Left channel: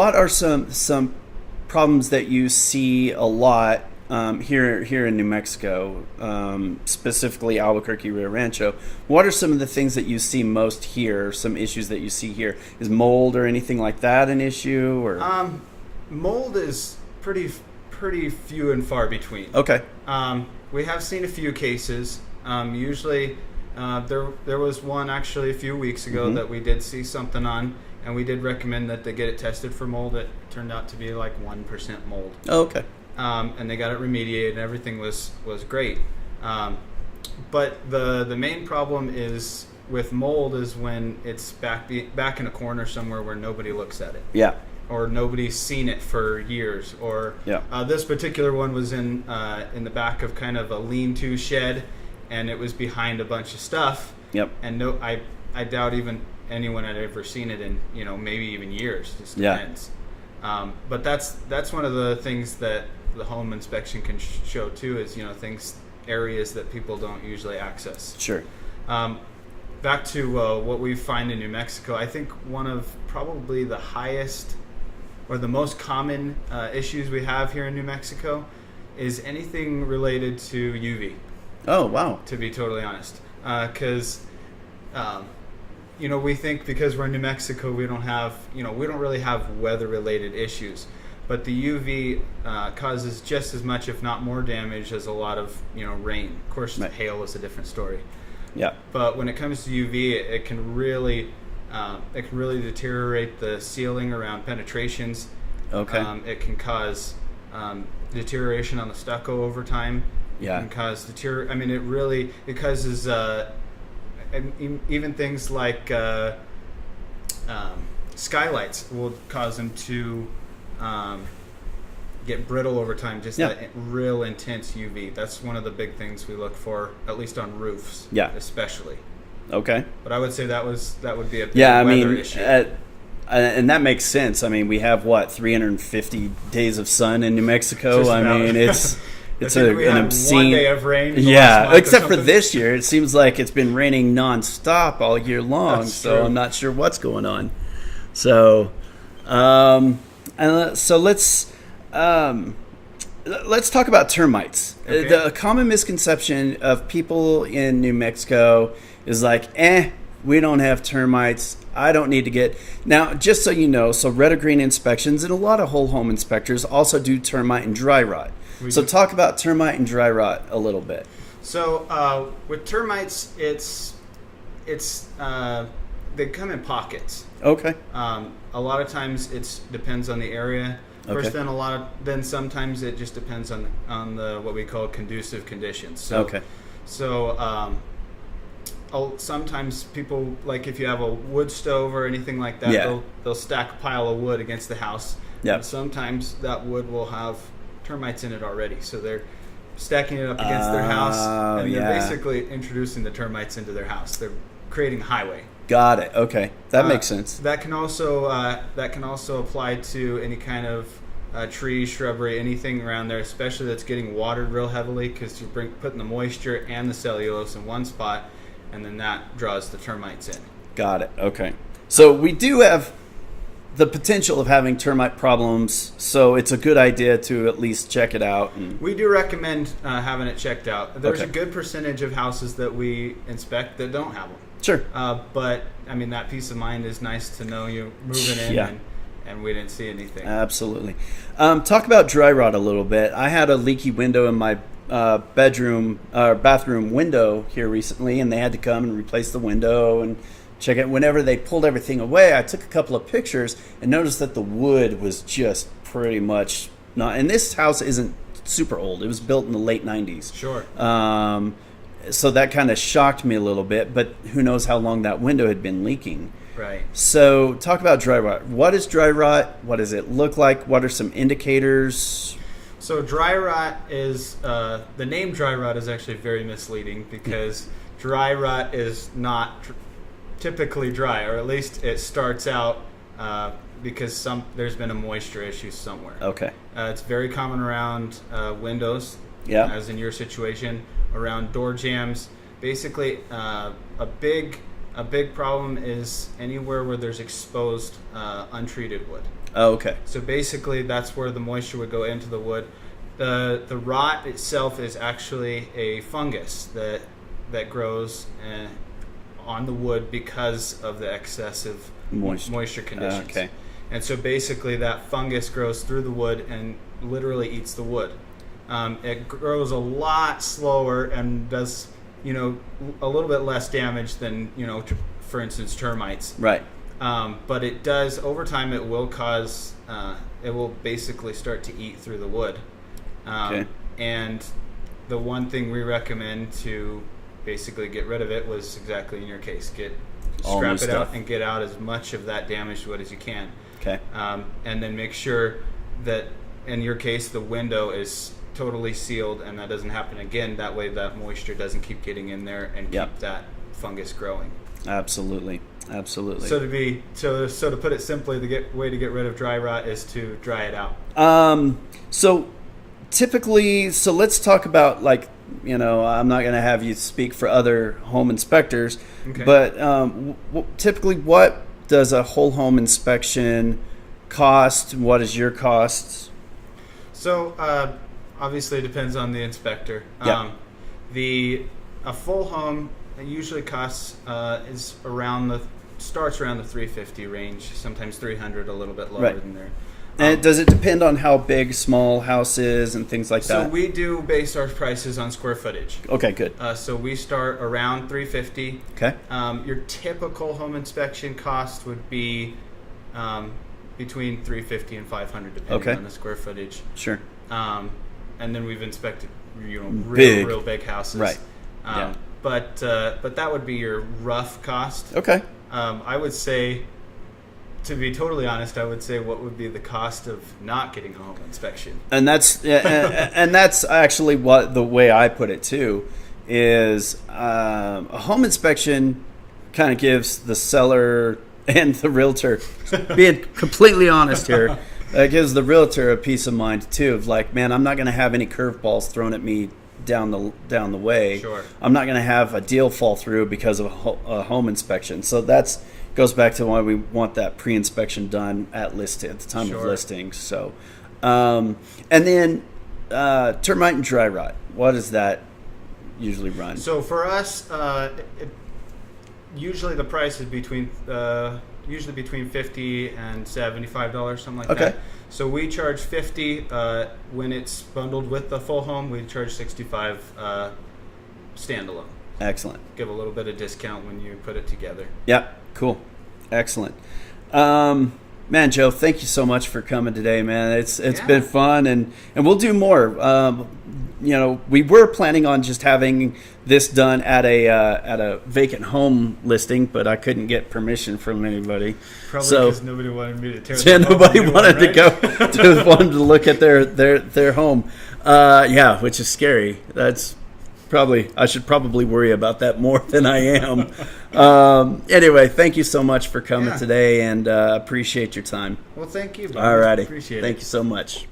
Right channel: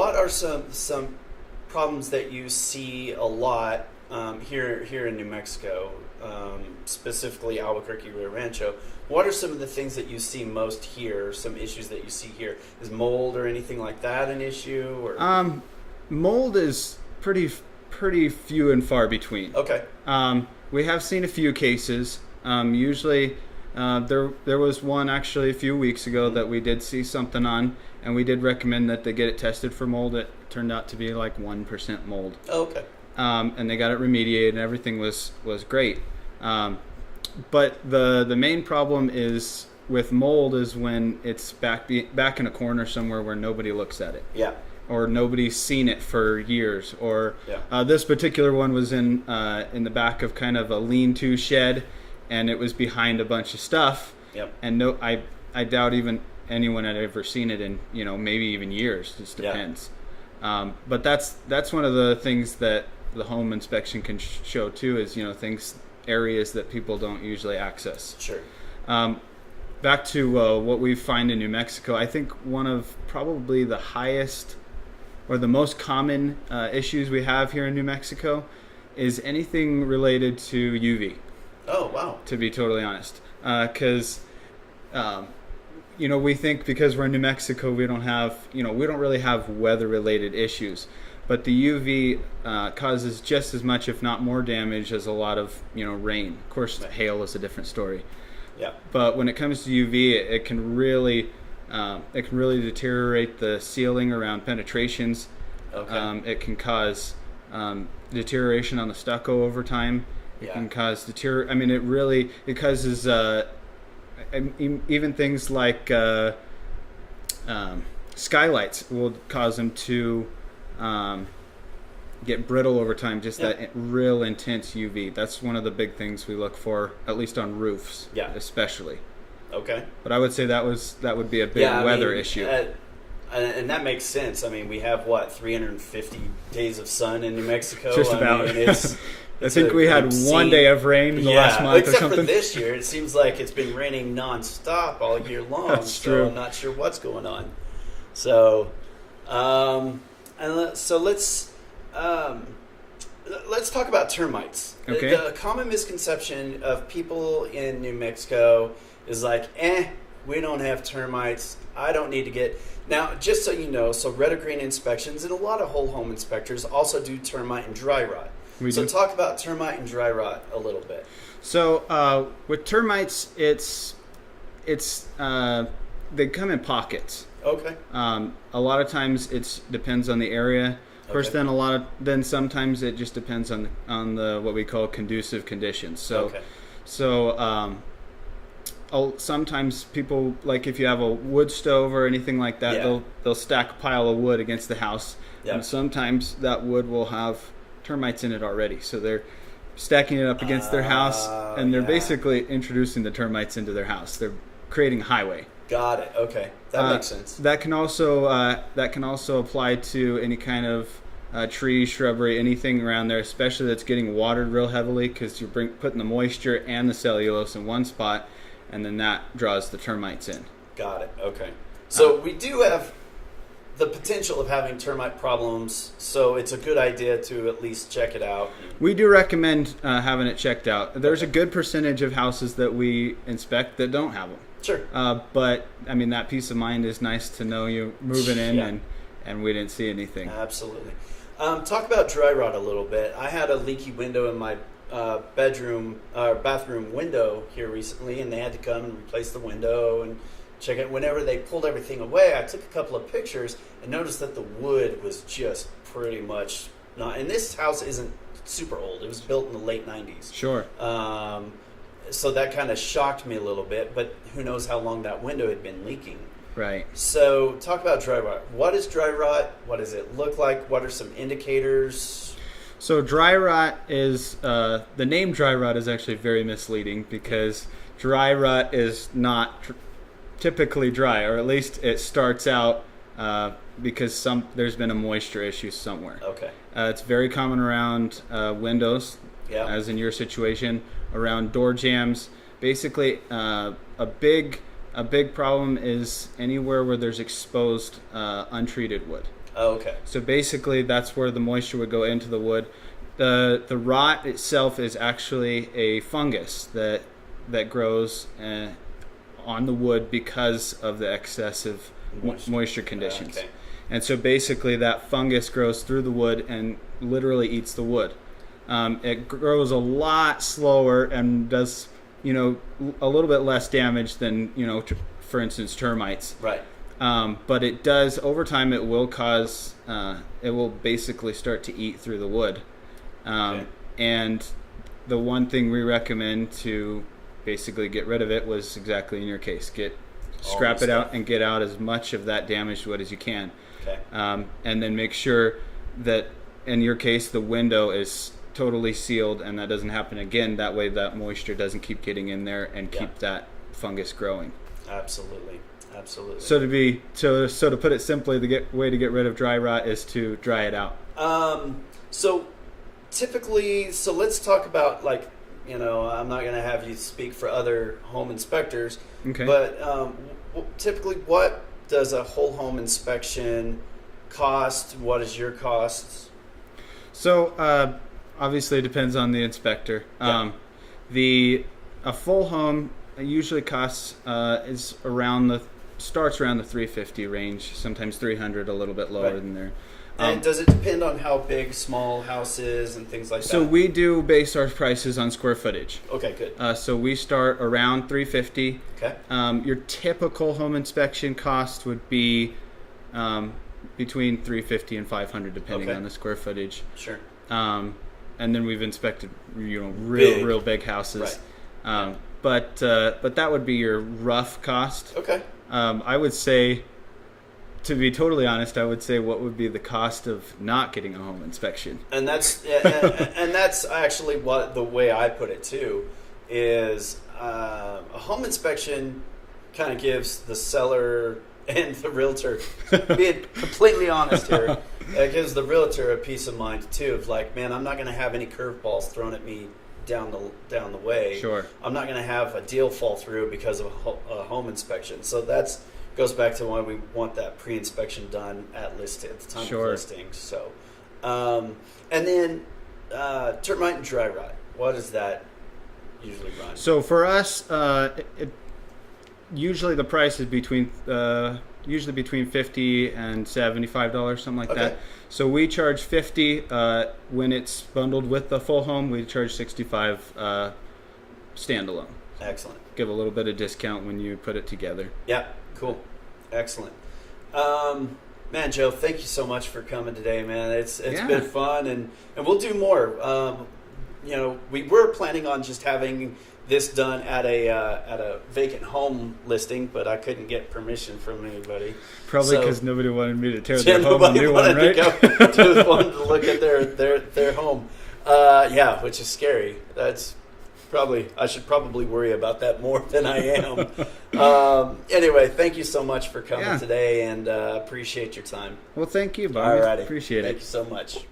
what are some problems that you see a lot here in New Mexico, specifically Albuquerque, Rio Rancho? What are some of the things that you see most here? Some issues that you see here? Is mold or anything like that an issue? Or Mold is pretty few and far between. Okay. We have seen a few cases. Usually, there was one actually a few weeks ago that we did see something on, and we did recommend that they get it tested for mold. It turned out to be like 1% mold. Oh, okay. And they got it remediated, and everything was great. But the main problem is with mold is when it's back in a corner somewhere where nobody looks at it. Yeah. Or nobody's seen it for years. Or Yeah. This particular one was in the back of kind of a lean-to shed, and it was behind a bunch of stuff. Yep. And I doubt even anyone had ever seen it in maybe even years. Just depends. But that's one of the things that the home inspection can show too, is areas that people don't usually access. Sure. Back to what we find in New Mexico, I think one of probably the highest or the most common issues we have here in New Mexico is anything related to UV. Oh, wow. To be totally honest, because we think because we're in New Mexico we don't really have weather related issues. But the UV causes just as much, if not more, damage as a lot of rain. Of course, hail is a different story. Yeah. But when it comes to UV, it can really deteriorate the sealing around penetrations. Okay. It can cause deterioration on the stucco over time. It Yeah. can cause it causes even things like skylights will cause them to get brittle over time. Just that real intense UV. That's one of the big things we look for, at least on roofs. Yeah. Especially. Okay. But I would say that would be a big weather issue. And that makes sense. I mean, we have 350 days of sun in New Mexico. Just about. I mean, it's I think we had one day of rain. Last month except or for something. this year, it seems like it's been raining nonstop all year long. That's so true. I'm not sure what's going on. So, let's talk about termites. Okay. The common misconception of people in New Mexico is like, we don't have termites. I don't need to get... Now, just so you know, so Red or Green inspections and a lot of whole home inspectors also do termite and dry rot. So talk about termite and dry rot a little bit. So with termites, it's they come in pockets. Okay. A lot of times it depends on the area. First, Okay. then sometimes it just depends on the what we call conducive conditions. So, Okay. So sometimes people, like if you have a wood stove or anything like that, Yeah. they'll stack a pile of wood against the house. Yeah. And sometimes that wood will have termites in it already, so they're stacking it up against their house, and they're basically introducing the termites into their house. They're creating a highway. Got it. Okay, that makes sense. That can also apply to any kind of tree, shrubbery, anything around there, especially that's getting watered real heavily, because you're putting the moisture and the cellulose in one spot, and then that draws the termites in. Got it. Okay. So we do have the potential of having termite problems, so it's a good idea to at least check it out. We do recommend having it checked out. There's Okay. a good percentage of houses that we inspect that don't have them. Sure. But I mean, that peace of mind is nice to know you're moving in Yeah. and we didn't see anything. Absolutely. Talk about dry rot a little bit. I had a leaky window in my bathroom window here recently, and they had to come and replace the window and check it. Whenever they pulled everything away, I took a couple of pictures and noticed that the wood was just pretty much not. And this house isn't super old. It was built in the late 90s. Sure. So that kind of shocked me a little bit, but who knows how long that window had been leaking. Right. So talk about dry rot. What is dry rot? What does it look like? What are some indicators? So dry rot is, the name dry rot is actually very misleading, because dry rot is not typically dry, or at least it starts out because there's been a moisture issue somewhere. Okay. It's very common around windows, as in your situation, around door jambs. Basically, a big problem is anywhere where there's exposed untreated wood. Oh, okay. So basically, that's where the moisture would go into the wood. The rot itself is actually a fungus that grows on the wood because of the excessive moisture conditions. Okay. And so basically, that fungus grows through the wood and literally eats the wood. It grows a lot slower and does, a little bit less damage than, for instance, termites. Right. But it does, over time, it will cause, it will basically start to eat through the wood. Okay. And the one thing we recommend to basically get rid of it was exactly in your case. Scrap it out and get out as much of that damaged wood as you can. Okay. And then make sure that, in your case, the window is totally sealed and that doesn't happen again. That way that moisture doesn't keep getting in there and keep that fungus growing. Absolutely. So to put it simply, the way to get rid of dry rot is to dry it out. So typically, let's talk about, I'm not going to have you speak for other home inspectors, Okay. But typically, what does a whole home inspection cost? What is your cost? So obviously it depends on the inspector. Yeah. A full home usually costs starts around the $350 range, sometimes $300, a little bit lower than there. And does it depend on how big small house is and things like that? So we do base our prices on square footage. Okay, good. So we start around $350. Okay. Your typical home inspection cost would be between $350 and $500, depending on the square footage. Sure. And then we've inspected real big houses. Right. But that would be your rough cost. Okay. I would say, to be totally honest, I would say what would be the cost of not getting a home inspection. And that's and that's actually what the way I put it too is a home inspection kind of gives the seller and the realtor, being completely honest here, it gives the realtor a peace of mind too of like, man, I'm not going to have any curveballs thrown at me down the way. Sure. I'm not going to have a deal fall through because of a home inspection. So that's goes back to why we want that pre-inspection done at the time of listing. So, and then termite and dry rot. What does that usually run? So for us, usually the price is between $50 and $75, something like that. So we charge $50 when it's bundled with the full home. We charge $65 standalone. Excellent. Give a little bit of discount when you put it together. Yeah, cool. Excellent. Man, Joe, thank you so much for coming today, man. It's been fun, and we'll do more. We were planning on just having this done at a vacant home listing, but I couldn't get permission from anybody. Probably because nobody wanted me to tear their home. Nobody wanted to look at their home. Which is scary. I should probably worry about that more than I am. Anyway, thank you so much for coming today, and appreciate your time. Well, thank you, Bob. All righty. Appreciate it. Thank you so much.